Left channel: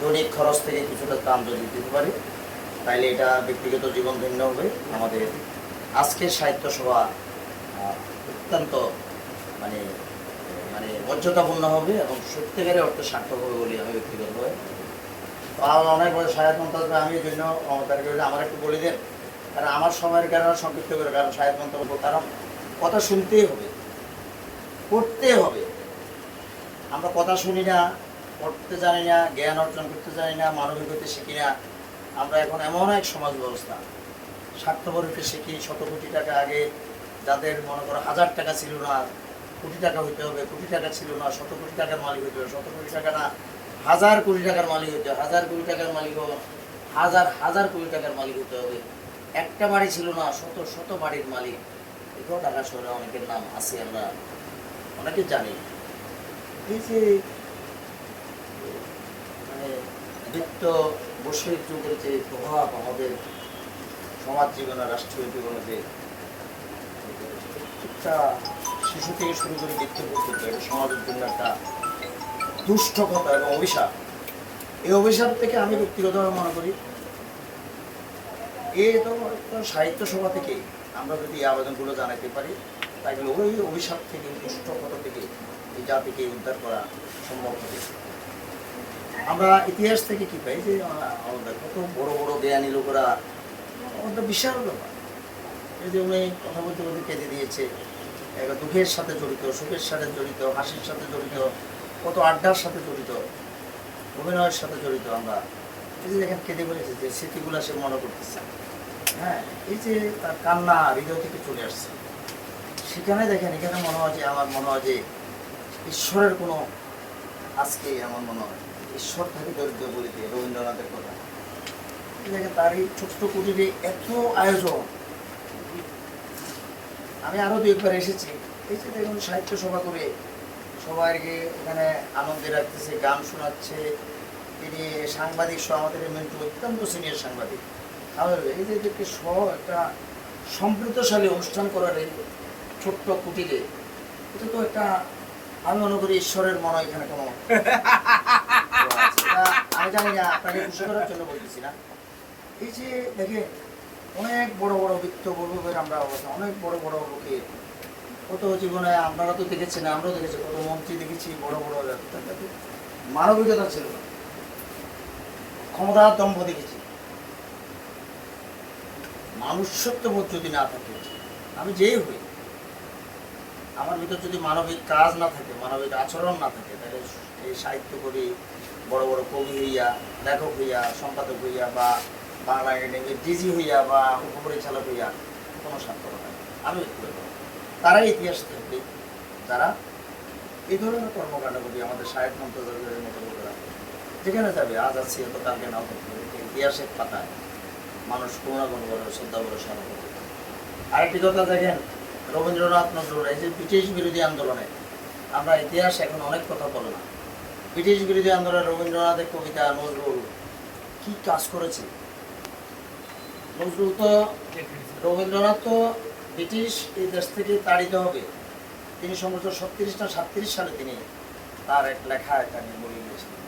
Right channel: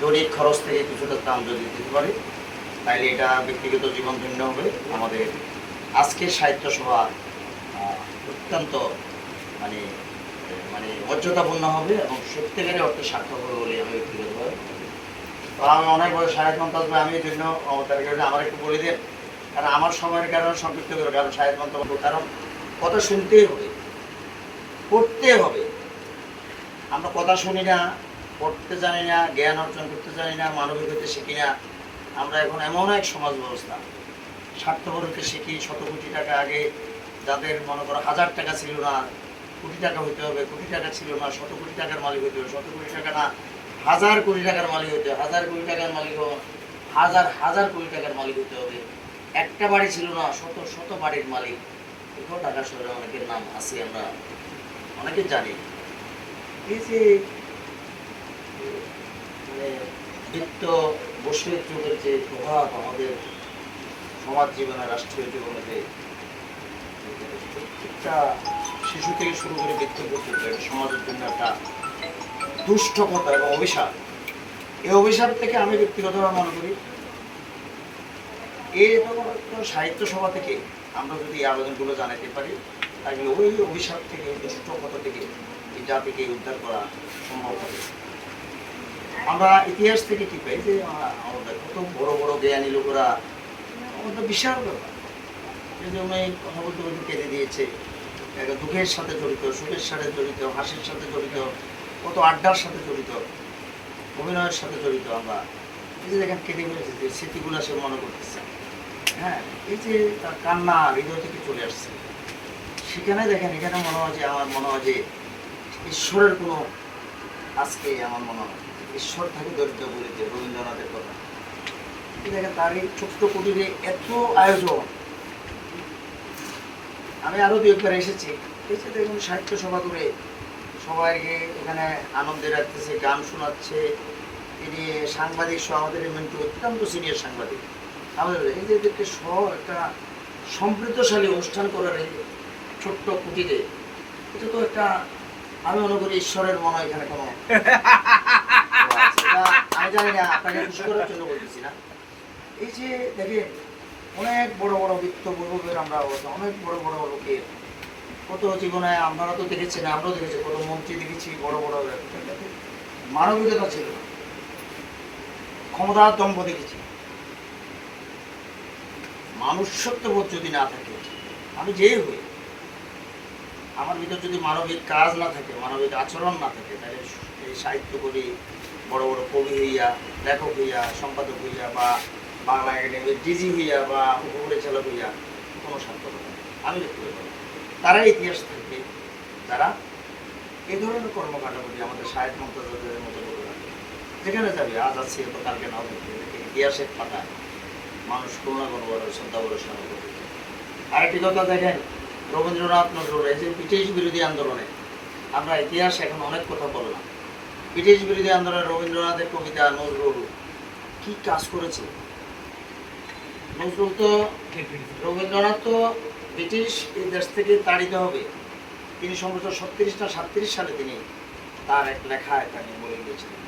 দৈনিক খরচ থেকে কিছুটা দাম যদি দিতে পারি তাইলে এটা ব্যক্তিগত জীবন ধন্য হবে। আমাদের আজকের সাহিত্য সভা অত্যন্ত মানে মানে মর্যাদাপূর্ণ হবে এবং সত্যিকারের অর্থে সার্থক হবে বলে আমি ব্যক্তিগতভাবে। আমার অনেক বড় সাহেব মন্তব্য আমি এই জন্য তাদেরকে আমার একটু বলে দেন, কারণ আমার সময়ের কারণে সংক্ষিপ্ত করে, কারণ সাহেব মন্তব্য কারণ কথা শুনতেই হবে, পড়তে হবে। আমরা কথা শুনি না, পড়তে জানি না, জ্ঞান অর্জন করতে জানি না, মানবিক হইতে শিখি না। আমরা এখন এমন এক সমাজ ব্যবস্থা, স্বার্থপর হইতে শিখি। 100 কোটি টাকা আগে যাদের মনে করো 1000 টাকা ছিল না, কোটি টাকা হইতে হবে, কোটি টাকা ছিল না 100 কোটি টাকার মালিক হইতে হবে, 100 কোটি টাকা না 1000 কোটি টাকার মালিক হইতে হবে, 1000 কোটি টাকার মালিক হাজার কোটি টাকার মালিক হইতে হবে। একটা বাড়ি ছিল না শত বাড়ির মালিক। এগুলো ঢাকা শহরে অনেকের নাম আছে, আমরা অনেকে জানি। এই যে মানে বৃত্ত বৈশ্বিক যুগের যে প্রভাব আমাদের সমাজ জীবনে, রাষ্ট্রীয় জীবনে, যে একটা শিশু থেকে শুরু করে বৃত্ত পর্যন্ত এটা সমাজের জন্য একটা দুষ্টকতা এবং অভিশাপ। এই অভিশাপ থেকে আমি ব্যক্তিগতভাবে মনে করি এই সাহিত্য সভা থেকে আমরা যদি এই আবেদনগুলো জানাতে পারি তাহলে ওই অভিশাপ থেকে, দুষ্টকতা থেকে এই জাতিকে উদ্ধার করা সম্ভব হবে। আমরা ইতিহাস থেকে কি পাই যে আমাদের কত বড় বড় জ্ঞানী লোকেরা, আমাদের বিশাল ব্যাপার। এই যে উনি কথা বলতে বলতে কেঁদে দিয়েছে, দুঃখের সাথে জড়িত, সুখের সাথে জড়িত, হাসির সাথে জড়িত, কত আড্ডার সাথে জড়িত, অভিনয়ের সাথে জড়িত। আমরা এই যে দেখেন কেঁদে বলেছে, যে স্মৃতিগুলো সে মনে করতেছে। হ্যাঁ, এই যে তার কান্না হৃদয় থেকে চলে আসছে। সেখানে দেখেন, এখানে মনে হয় যে, আমার মনে হয় যে ঈশ্বরের কোনো, আজকে আমার মনে হয় ঈশ্বর থাকি দরিদ্র বলিতে রবীন্দ্রনাথের কথা। দেখেন তার এই ছোট্ট কুটিরে এত আয়োজন। আমি আরো 2-1 বার এসেছি, এই যে দেখুন সাহিত্য সভা করে সবাইকে এখানে আনন্দে রাখতেছে, গান শোনাচ্ছে। তিনি সাংবাদিক সহ, আমাদের মেন্টু অত্যন্ত সিনিয়র সাংবাদিক, আমাদের এই যে একটা সমৃদ্ধশালী অনুষ্ঠান করার এই ছোট্ট কুটিরে, এটা তো একটা, আমি মনে করি ঈশ্বরের মনে এখানে কোনো আমি জানি না, আপনাকে খুশি করার জন্য বলতেছি না। এই যে দেখে অনেক বড় বড় বৃত্তবর্গের আমরা অবস্থা, অনেক বড় বড় লোকের কত জীবনে আপনারা তো দেখেছেন, আমরাও দেখেছি, কত মন্ত্রী দেখেছি, বড় বড় মানবিকতা ছিল, ক্ষমতার দম্ভ দেখেছি। মানুষত্ববোধ যদি না থাকে, আমি যেই হই, আমার ভিতর যদি মানবিক কাজ না থাকে, মানবিক আচরণ না থাকে, তাহলে এই সাহিত্য করি, বড় বড় কবি হইয়া, লেখক হইয়া, সম্পাদক হইয়া, বা বাংলা একাডেমির ডিজি হইয়া, বা উপপরিচালক হইয়া কোনো সার্থকতা নেই। আমি তারাই ইতিহাস থাকবে যারা এই ধরনের কর্মকাণ্ড করি। আমাদের সাহিত্য মন্ত্রণালয়ের মতো লোকেরা যেখানে যাবে, আজ আছে তো কালকে নাও থাকবে, ইতিহাসের পাতায় মানুষ কোনো না কোনো বড় শ্রদ্ধা ভরসা হবে। আরেকটি কথা দেখেন, রবীন্দ্রনাথ নজরুল, এই যে ব্রিটিশ বিরোধী আন্দোলনে, আমরা ইতিহাস এখন অনেক কথা বললাম, ব্রিটিশ বিরোধী আন্দোলনে রবীন্দ্রনাথের কবিতা, নজরুল কি কাজ করেছে। নজরুল তো, রবীন্দ্রনাথ তো ব্রিটিশ এই দেশ থেকে তাড়িত হবে, তিনি সম্ভবত 36 না 37 সালে তিনি তার এক লেখায় তা নিয়ে বলে গিয়েছিলেন।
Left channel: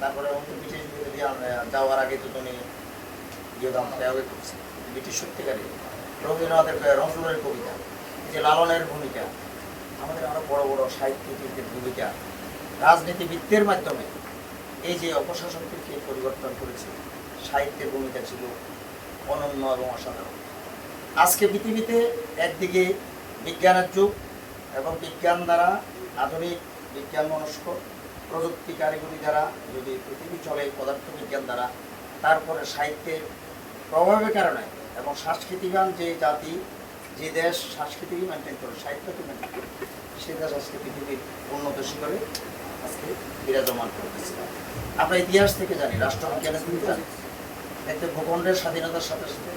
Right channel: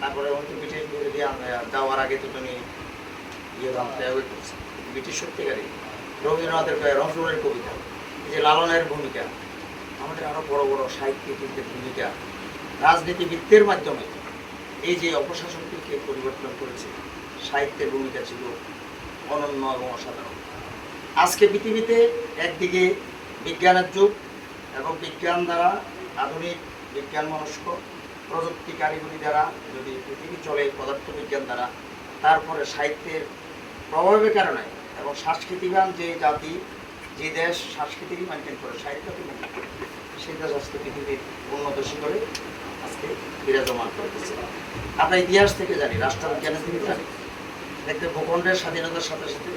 তারপরে ব্রিটিশ বিরোধী যাওয়ার আগে তো তিনি ব্রিটিশ সত্যিকারী রবীন্দ্রনাথের, নজরুলের কবিতা, যে লালনের ভূমিকা, আমাদের আরো বড় বড় সাহিত্যিকদের ভূমিকা, রাজনীতিবিদদের মাধ্যমে এই যে অপশাসনকে পরিবর্তন করেছে, সাহিত্যের ভূমিকা ছিল অনন্য এবং অসাধারণ। আজকে পৃথিবীতে একদিকে বিজ্ঞানের যুগ, এবং বিজ্ঞান দ্বারা, আধুনিক বিজ্ঞান মনস্ক প্রযুক্তি কারিগরি দ্বারা যদি পৃথিবী চলে পদার্থবিজ্ঞান দ্বারা, তারপরে সাহিত্যের প্রভাবের কারণে এবং সংস্কৃতিবান যে জাতি, যে দেশ সংস্কৃতি মেনটেন করে, সাহিত্যকে মেনটেন করে, সেই দেশ আজকে পৃথিবীর উন্নত শিখরে আজকে বিরাজমান করতেছে। আমরা ইতিহাস থেকে জানি, রাষ্ট্রবিজ্ঞানের দিকে জানি, দেখতে ভূখণ্ডের স্বাধীনতার সাথে সাথে,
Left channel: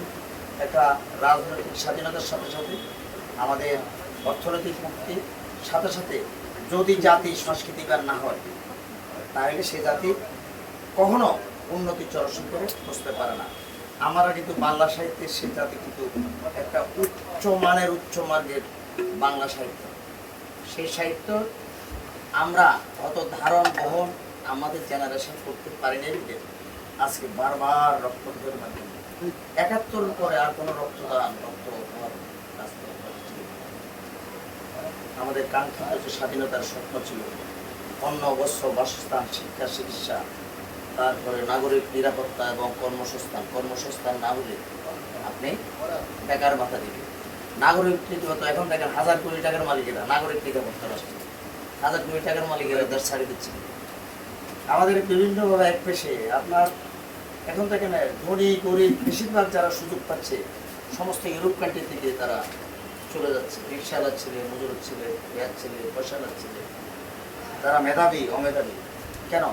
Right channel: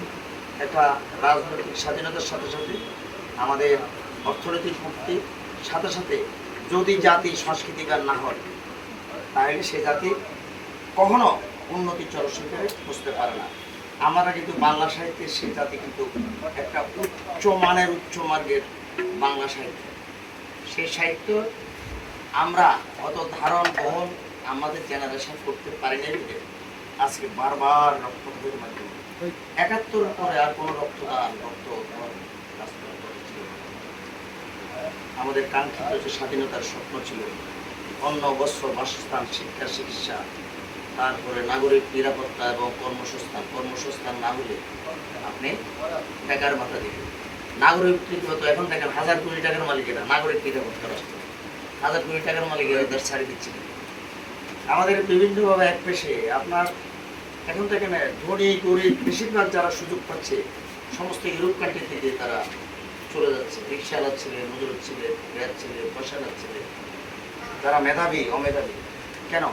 একটা রাজনৈতিক স্বাধীনতার সাথে সাথে, আমাদের অর্থনৈতিক মুক্তির সাথে সাথে, যদি জাতি সংস্কৃতিবান না হয় তাহলে সে জাতি কখনো উন্নতির চরশিখরে বুঝতে পারে না। আমরা কিন্তু বাংলা সাহিত্যের সেই জাতি কিন্তু একটা উচ্চ মানের, উচ্চ মার্গের বাংলা সাহিত্য। সেই সাহিত্য আমরা অত ধারণ বহন আমাদের জেনারেশন করতে পারেনি বলে আজকে বারবার রক্তপাতের মাধ্যমে ৭১ পরে আর কোনো রক্তদান রক্ত দেওয়ার রাস্তা ছিল না। আমাদের কাঙ্ক্ষিত যে স্বাধীনতার স্বপ্ন ছিল অন্ন বস্ত্র বাসস্থান শিক্ষা চিকিৎসা, তারপরে নাগরিক নিরাপত্তা এবং কর্মসংস্থান না হলে আপনি বেকার মাথা দিবেন। নাগরিক তো এখন দেখেন ১,০০০ কোটি টাকার মালিকেরা নাগরিক নিরাপত্তা রাষ্ট্র ১,০০০ কোটি টাকার মালিকেরা দেশ ছাড়ি দিচ্ছে। আমাদের বিভিন্নভাবে এক পেশে আপনার এখন দেখেন ধনী গরিব বেশিরভাগ যারা সুযোগ পাচ্ছে সমস্ত ইউরোপ কান্ট্রি থেকে তারা চলে যাচ্ছে। রিক্সাওয়ালার ছেলে, মজুরের ছেলে, গ্যাস ছেলে, পয়সাওয়ালার ছেলে, যারা মেধাবী অমেধাবী। কেন?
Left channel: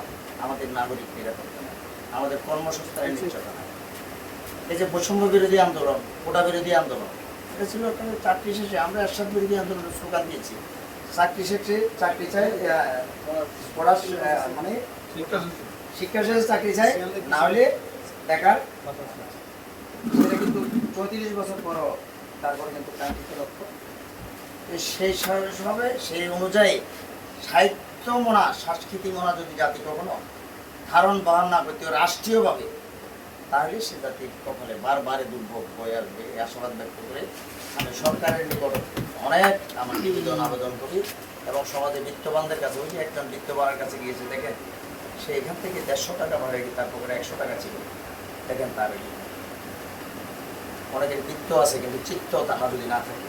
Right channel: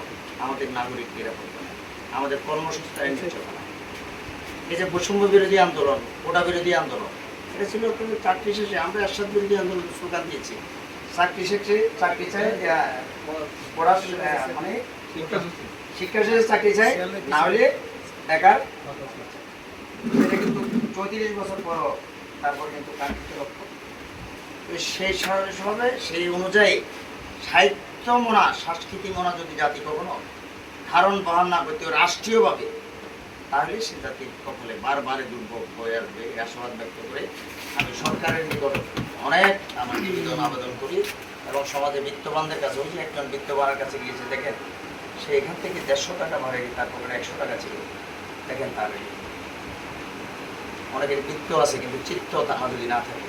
আমাদের নাগরিক নিরাপত্তা নাই, আমাদের কর্মসংস্থানের নিশ্চয়তা নাই। এই যে বৈষম্য বিরোধী আন্দোলন, কোটা বিরোধী আন্দোলন, এটা ছিল কিন্তু চাকরি শেষে আমরা এরশাদ বিরোধী আন্দোলন স্লোগান দিয়েছি। চাকরি শেষে চাকরি চাই, পড়া মানে শিক্ষা শেষে চাকরি চাই, না হলে বেকার। সেটা কিন্তু ৩৫ বছর পরও তারপর কিন্তু কাঙ্ক্ষিত লক্ষ্য। সেই ভাবে সেই অনুযায়ী সাহিত্য মনা সাংস্কৃতিক মনা যদি জাতি কখনো ধারণ বহন না করতে রাষ্ট্রীয়ভাবে, তাহলে সে জাতির কপালে বারবার দুর্ভোগ হয়ে আসবে। এই আশাবাদ ব্যক্ত করে আমি সরকারের নিকট অনেক আমার নিবেদন আবেদন করি এবং সমাজে বিত্তবানদের কাছে, ওই একজন বিত্তবানের কাছে গিয়েছে, দেখেন সে এখান থেকে ১৫০ টাকা ভাড়া গিয়ে তার পকেটে ১০০ টাকা ছিল। দেখেন তার অনেকের বৃত্ত আছে কিন্তু চিত্ত তাহা যদি না থাকে,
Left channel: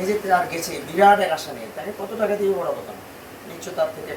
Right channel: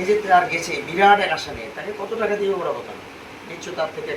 এই যে তার গেছে বিরাট এক আশা নিয়ে, তাকে কত টাকা দিয়ে বড় কথা, নিশ্চয় তার থেকে